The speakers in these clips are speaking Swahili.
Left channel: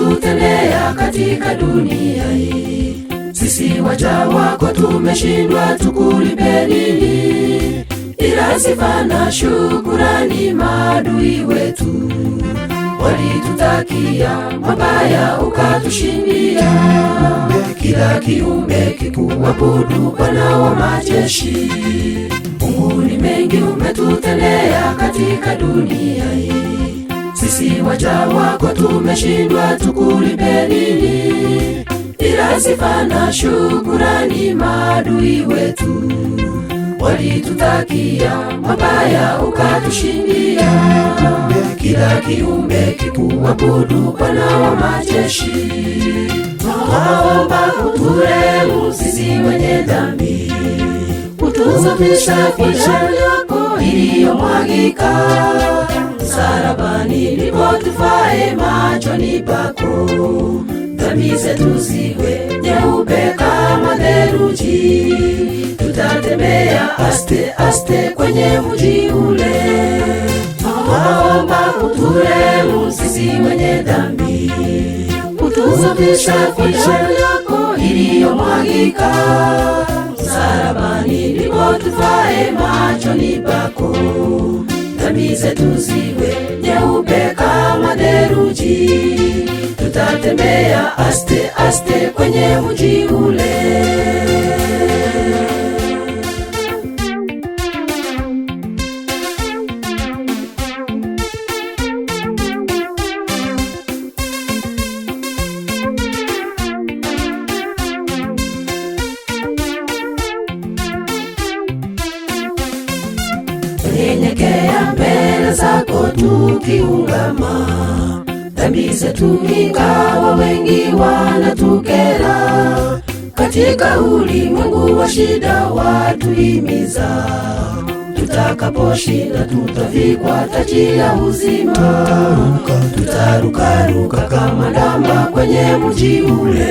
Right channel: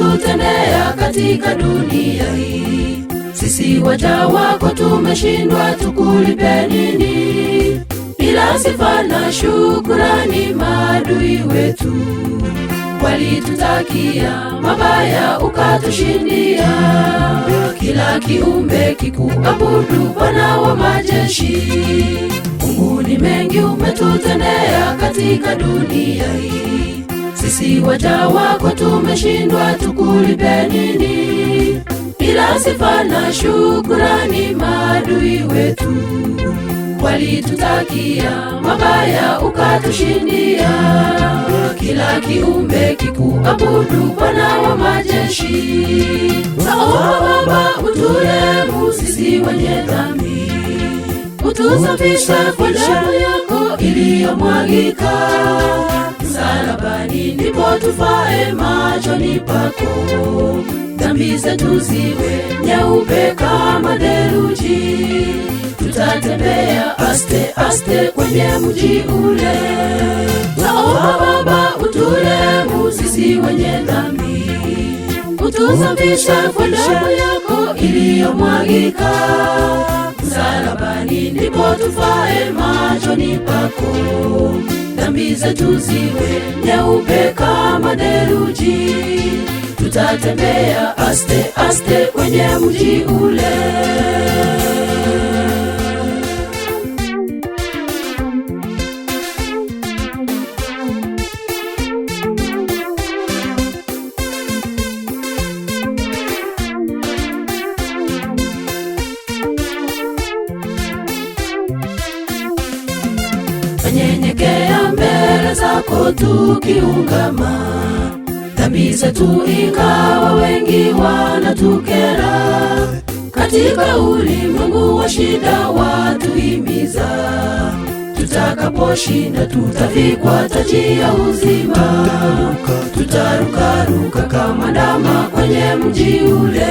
umetutendea katika dunia hii. Sisi waja wako tumeshindwa tukulipe nini, ila sifa na shukurani maadui wetu walitutakia mabaya ukatushindia. Kila kiumbe kikuabudu Bwana wa majeshi. Mungu ni mengi umetutendea katika dunia hii. Sisi waja wako tumeshindwa tukulipe nini, ila sifa na shukurani maadui wetu walitutakia mabaya ukatushindia. Kila kiumbe kikuabudu Bwana wa majeshi. Naomba uturehemu sisi wenye dhambi, utusafishe kwa damu yako iliyomwagika msalabani, ndipo tufae machoni pako. Dhambi zetu ziwe nyeupe kama theluji, tutatembea aste aste kwenye mji ule. Naomba uturehemu sisi wenye dhambi, utusafishe kwa damu yako iliyomwagika msalabani, ndipo tufae machoni pako. Dhambi zetu ziwe nyeupe kama theluji, tutatembea aste aste kwenye mji ule. Nyenyekea mbele zako tukiungama dhambi zetu, ingawa wengi wanatukera. Katika ulimwengu wa shida watuhimiza, tutakaposhinda tutavikwa taji ya uzima. Tutarukaruka kama ndama kwenye mji ule.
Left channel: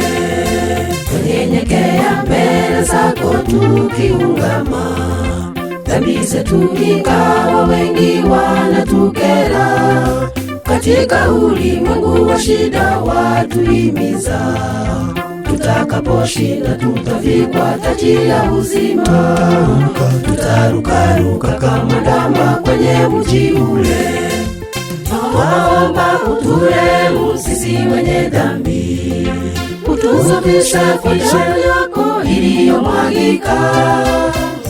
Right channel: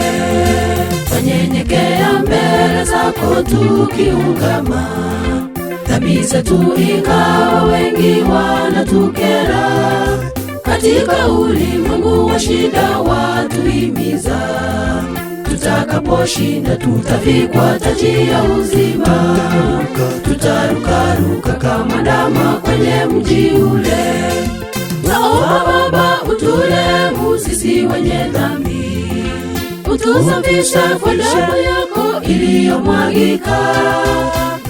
Tunyenyekea mbele zako tukiungama dhambi zetu, ingawa wengi wanatukera. Katika ulimwengu wa shida watuhimiza, tutakaposhinda tutavikwa taji ya uzima. Tutarukaruka kama ndama kwenye mji ule. Naomba uturehemu sisi wenye dhambi, utusafishe kwa damu yako iliyomwagika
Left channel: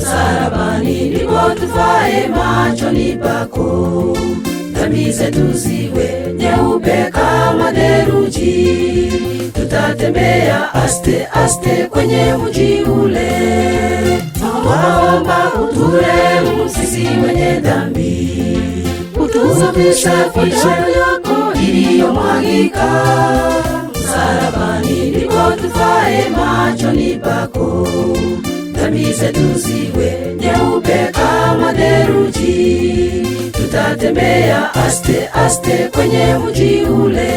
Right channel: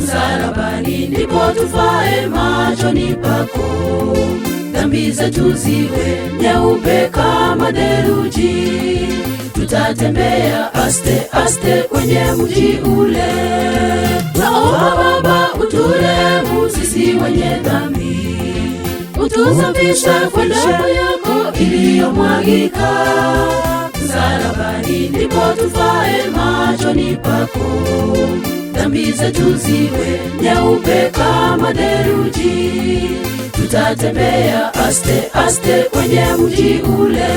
msalabani, ndipo tufae machoni pako. Dhambi zetu ziwe nyeupe kama theluji, tutatembea aste aste kwenye mji ule. Naomba uturehemu sisi wenye dhambi, utusafishe kwa damu yako iliyomwagika msalabani, ndipo tufae machoni pako. Dhambi zetu ziwe nyeupe kama theluji, tutatembea aste aste kwenye mji ule.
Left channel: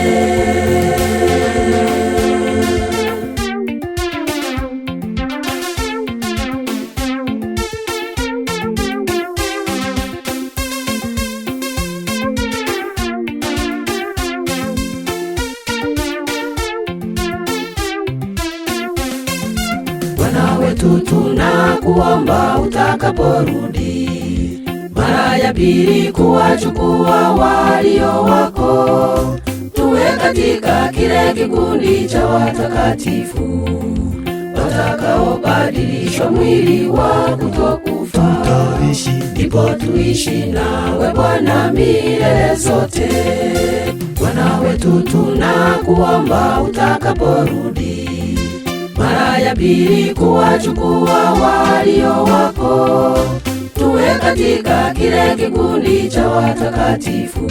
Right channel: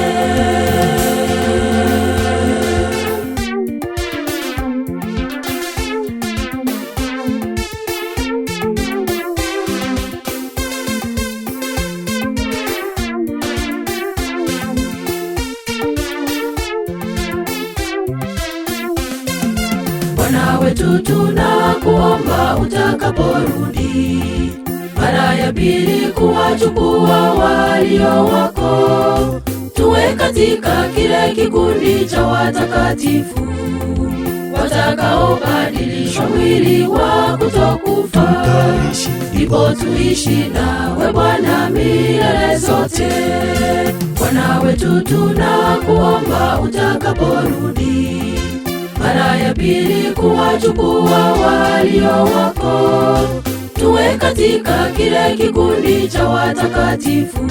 Bwana wetu tunakuomba utakaporudi mara ya pili kuwachukua walio wako, tuwe katika kile kikundi cha watakatifu watakaobadilishwa mwili wa kutokufa, ndipo tuishi nawe Bwana milele zote. Bwana wetu tunakuomba utakaporudi mara ya pili kuwachukua walio wako, tuwe katika kile kikundi cha watakatifu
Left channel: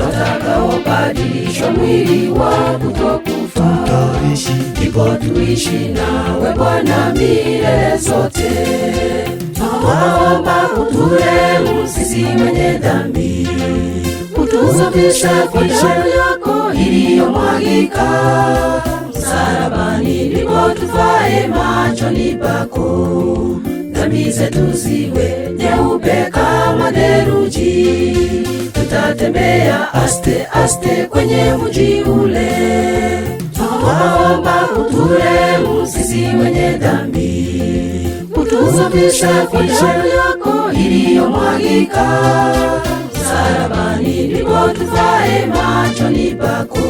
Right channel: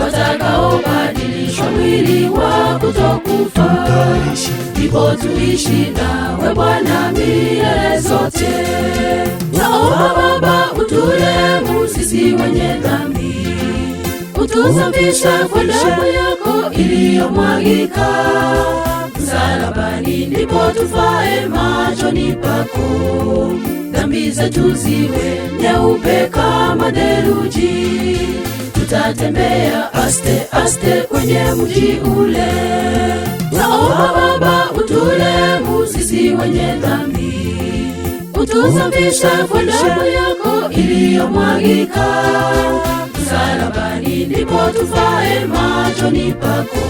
watakaobadilishwa mwili wa kutokufa, ndipo tuishi nawe Bwana milele zote. Naomba uturehemu sisi wenye dhambi, utusafishe kwa damu yako iliyomwagika msalabani, ndipo tufae machoni pako. Dhambi zetu ziwe nyeupe kama theluji, tutatembea tutatembea aste aste kwenye mji ule. Naomba Baba uturehemu sisi wenye dhambi, utusafishe kwa damu yako iliyomwagika msalabani, ndipo tufae machoni pako.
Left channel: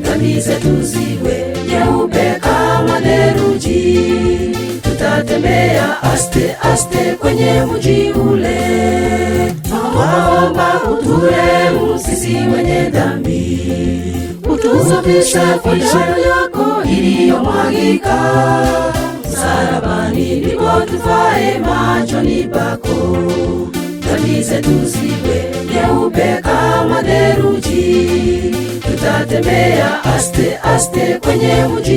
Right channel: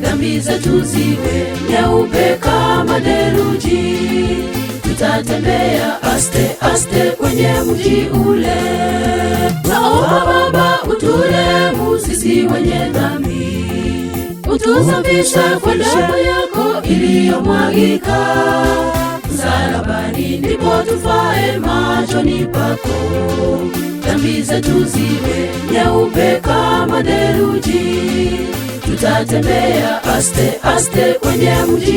Dhambi zetu ziwe nyeupe kama theluji, tutatembea aste aste kwenye mji ule. Naomba Baba uturehemu sisi wenye dhambi, utusafishe kwa damu yako iliyomwagika msalabani, ndipo tufae machoni pako. Dhambi zetu ziwe nyeupe kama theluji, tutatembea aste aste kwenye mji